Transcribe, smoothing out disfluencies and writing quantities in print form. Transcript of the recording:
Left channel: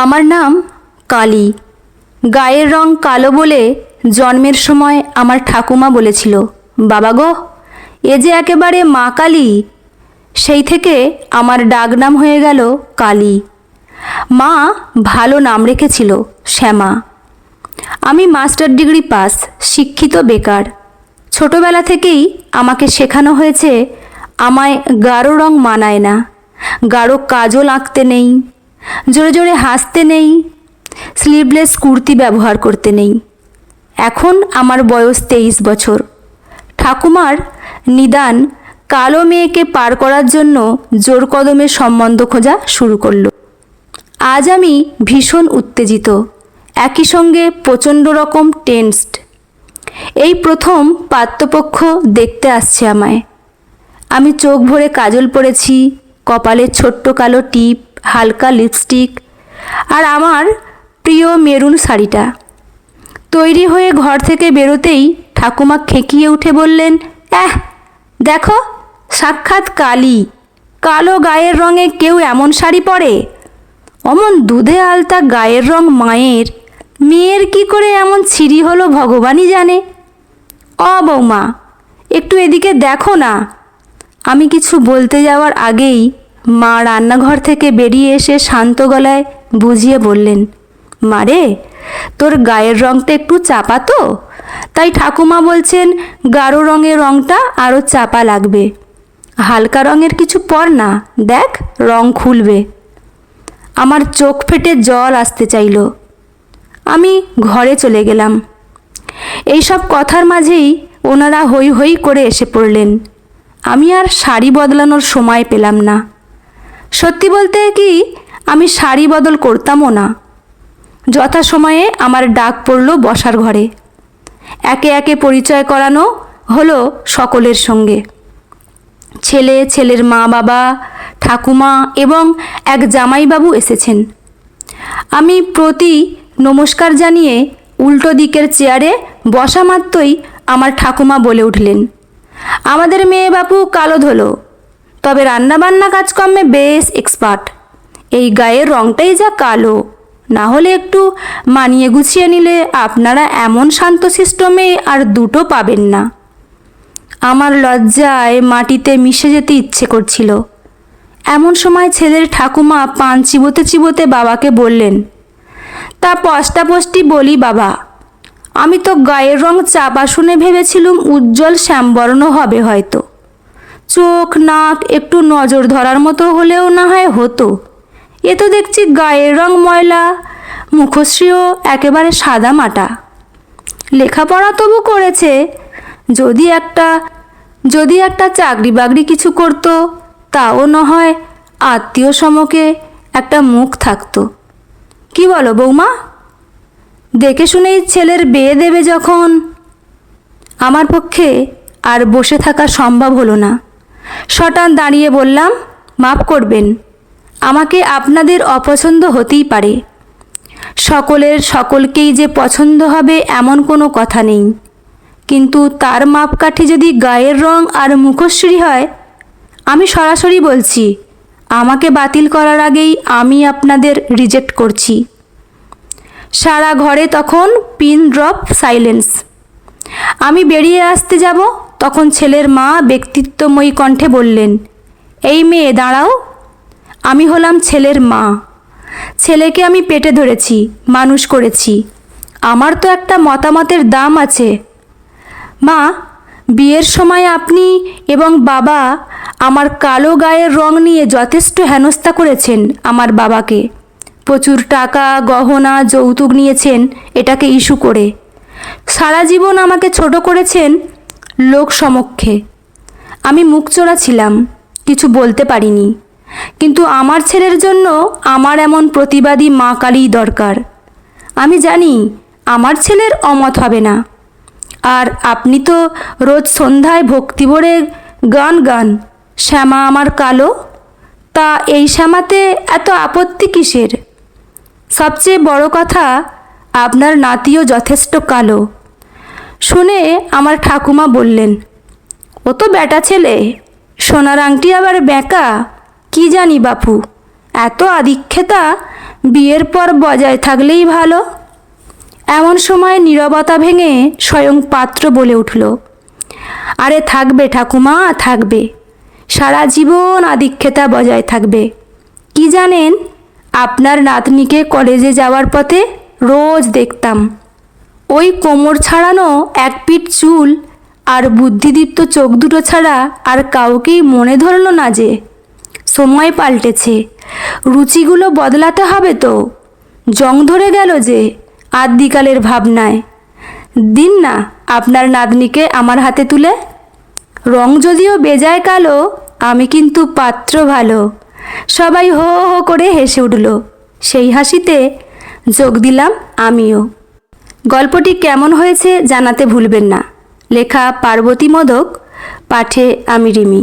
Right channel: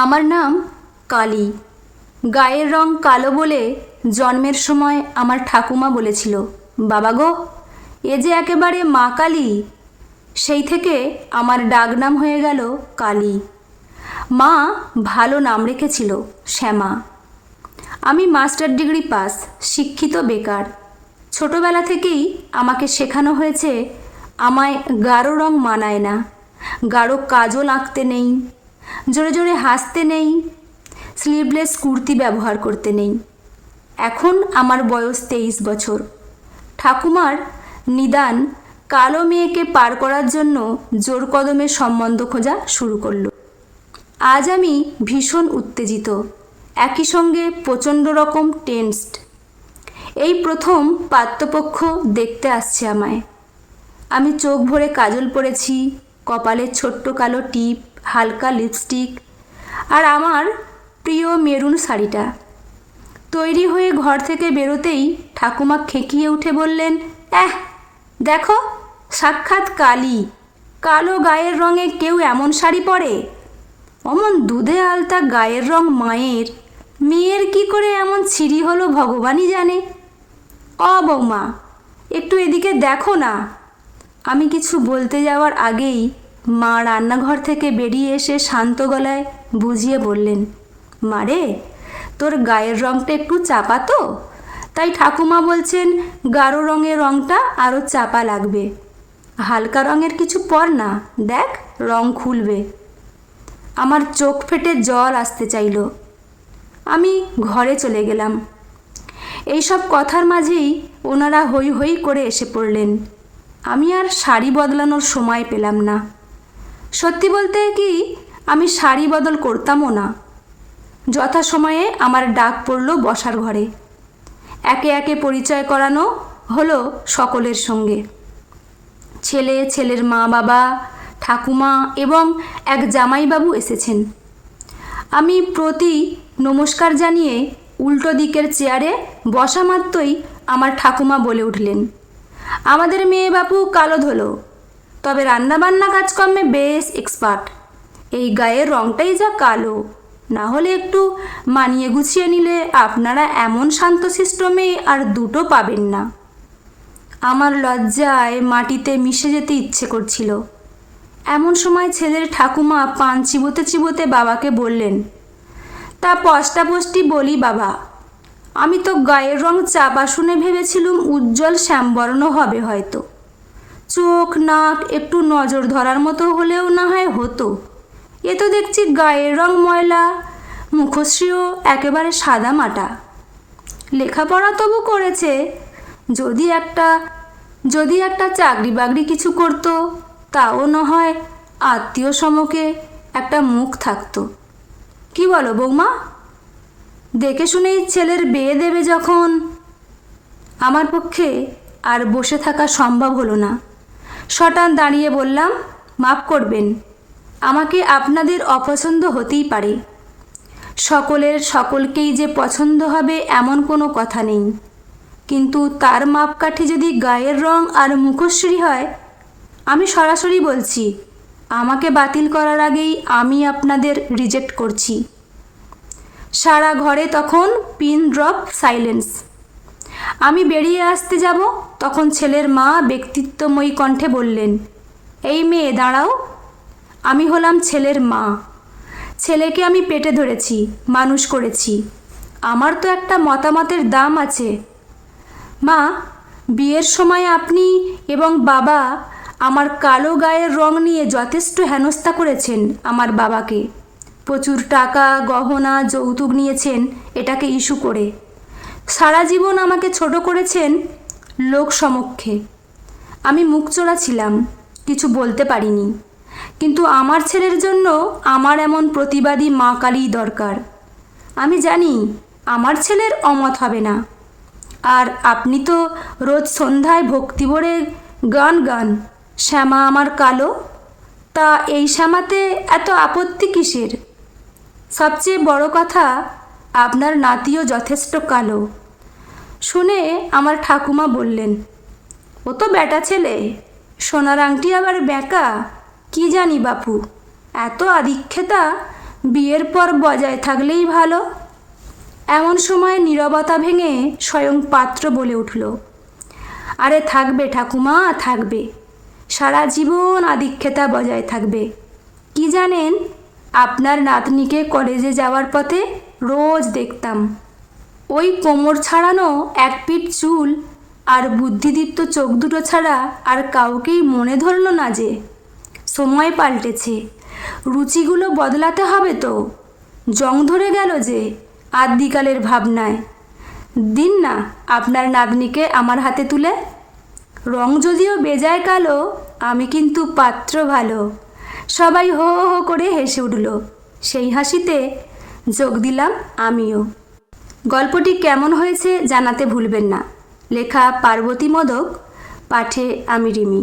আমার নাম কালী। গায়ের রং কালো বলে জন্মের সময় আমার ঠাকুমা বলেছিল, বাবা গো, এ যে একেবারে মা কালী। সেই থেকে আমার ডাকনাম হয়ে গেল কালী। মা ভালো নাম রেখেছিল, শ্যামা। আমি মাস্টার ডিগ্রি পাস, শিক্ষিত, বেকার। ছোটবেলা থেকেই আমাকে শেখানো হয়েছে আমায় গাঢ় রং মানায় না, গাঢ় কাজল আঁকতে নেই, জোরে জোরে হাসতে নেই, স্লিভলেস কুর্তি ব্যবহার করতে নেই। এখন আমার বয়স 23 বছর। ঠাকুমার নিদান কালো মেয়েকে পার করার জন্য জোর কদমে সম্বন্ধ খোঁজা শুরু করলো। আজ আমি ভীষণ উত্তেজিত, একই সঙ্গে প্রচণ্ড রকম টেনসড। এই প্রথম পাত্রপক্ষ দেখতে আসছে আমায়। আমি চোখ ভরে কাজল পরেছি, কপালে ছোট্ট কালো টিপ, হালকা লিপস্টিক, আর আমার প্রিয় মেরুন শাড়িটা। তৈরি হয়ে ঘর থেকে বেরোতেই ঠাকুমা খেঁকিয়ে উঠে বললেন, দেখো, সাক্ষাৎ কালী। কালো গায়ের রঙে কেউ এমন শাড়ি পরে? অমন দুধে আলতা গায়ের রং মায়ের, মেয়ের কি করে এমন ছিঁড়ি হলো ভগবানই জানে। বৌমা, একটু এদিকে দেখো না। আমি কিছু বলতে যাওয়ার আগেই মা রান্নাঘর থেকে বেরিয়ে এসে শান্ত গলায় বুঝিয়ে বললেন, মারে, তোর গায়ের রঙটা একটু চাপা তো, তাই ঠাকুমা বলছেন গাঢ় রঙের রঙটা আরও চাপা লাগবে। হালকা রঙের কিছু পর না, দেখ রং খুলবে। আমার চোখ ফেটে জল আসতে চাইল। আমি ঘরে চলে গেলাম। এইসব কথার মাঝেই ওনারা হই হই করে এসে পড়লেন। আমি আর শাড়ি বদলানোর সময় পেলাম না। সত্যি বলতে কি, আমি শাড়ি বদল করতামও না। যথাসময়ে আমার ডাক পড়ল বসার ঘরে। একে একে পরিচয় করানো হলো সকলের সঙ্গে। ছেলে, ছেলের মা বাবা, ঠাকুমা এবং এক জামাইবাবু এসেছেন। আমি প্রতি নমস্কার জানিয়ে উল্টো দিকের চেয়ারে বসা মাত্রই আমার ঠাকুমা বলে উঠলেন, আমাদের মেয়ে বাপু কালো ধলো, তবে রান্নাবান্না কাজকর্মে বেশ এক্সপার্ট। এই গায়ের রঙটাই যা কালো, না হলে একটু মানিয়ে গুছিয়ে নিলে আপনারা এমন শান্তশিষ্ট মেয়ে আর দুটো পাবেন না। আমার লজ্জায় মাটিতে মিশে যেতে ইচ্ছে করছিল। এমন সময় ছেলের ঠাকুমা পান চিবোতে চিবোতে বাবাকে বললেন, তা পষ্টাপষ্টি বলি বাবা, আমি তো গায়ের রং চাপা শুনে ভেবেছিলুম উজ্জ্বল শ্যামবর্ণ হবে হয়তো। চোখ নাক একটু নজর ধরার মতো হলেও না হয় হতো। এ তো দেখছি গায়ের রং ময়লা, মুখশ্রীও একেবারে সাদা মাটা। লেখাপড়া তবু করেছে, যদি একটা চাকরি বাকরি কিছু করতো, তাও না হয় আত্মীয় সমকে একটা মুখ থাকতো। কি বলো বৌমা? দেখে শুনেই ছেলের বিয়ে দেবে যখন। আমার পক্ষে আর বসে থাকা সম্ভব হলো না। সটান দাঁড়িয়ে বললাম, মাফ করবেন, আমাকে আপনাদের অপছন্দ হতেই পারে। সকলের সকলকেই যে পছন্দ হবে এমন কোনো কথা নেই, কিন্তু তার মাপকাঠি যদি গায়ের রং আর মুখশ্রী হয়, আমি সরাসরি বলছি, আমাকে বাতিল করার আগেই আমি আপনাদের রিজেক্ট করছি। সারা ঘরে তখন পিন ড্রপ সাইলেন্স। আমি বেরিয়ে আসতে যাব, তখন ছেলের মা ব্যক্তিত্বময়ী কণ্ঠে বললেন, এই মেয়ে দাঁড়াও। আমি হলাম ছেলের মা। ছেলেকে আমি পেটে ধরেছি, মানুষ করেছি। আমার তো একটা মতামতের দাম আছে। মা, বিয়ের সময় আপনি এবং বাবা আমার কালো গায়ের রং নিয়ে যথেষ্ট হেনস্থা করেছেন আমার বাবাকে। প্রচুর টাকা, গহনা, যৌতুক নিয়েছেন এটাকে ইস্যু করে। সারা জীবন আমাকে ছোট করেছেন লোক সমক্ষে। আমি মুখচোরা ছিলাম, কিছু বলতে পারিনি। কিন্তু আমার ছেলের জন্য আমার এমন প্রতিবাদী মা কালীই দরকার। আমি জানি আমার ছেলের অমত হবে না। আর আপনি তো রোজ সন্ধ্যায় ভক্তি ভরে গান, শ্যামা আমার কালো। তা এই শ্যামাতে এত আপত্তি কিসের? সবচেয়ে বড় কথা, আপনার নাতিও যথেষ্ট কালো। শুনে আমার ঠাকুমা বললেন, ও তো বেটা ছেলে, সোনার আংটি আবার বেঁকা, কি জানি বাপু, এত আদিক্ষেতা বিয়ের পর বজায় থাকলেই ভালো। এমন সময় নীরবতা ভেঙে স্বয়ং পাত্র বলে উঠল, আরে থাকবে ঠাকুমা, থাকবে, সারা জীবন আদিক্ষেতা বজায় থাকবে। কি জানেন, আপনার নাতনিকে কলেজে যাওয়ার পথে রোজ দেখতাম। ওই কোমর ছাড়ানো এক পিঠ চুল আর বুদ্ধিদীপ্ত চোখ দুটো ছাড়া আর কাউকেই মনে ধরল না যে। সময় পাল্টেছে, রুচিগুলো বদলাতে হবে তো। জং ধরে গেল যে আদ্যিকালের ভাবনায়। দিন না আপনার নাতনিকে আমার হাতে তুলে। রং যদিও বেজায় কালো, আমি কিন্তু পাত্র ভালো। সবাই হো হো করে হেসে উঠল। সেই হাসিতে যোগ দিলাম আমিও। গল্পটি কেমন হয়েছে জানাতে ভুলবেন না। লেখা পার্বতী মোদক, পাঠে আমি রিমি।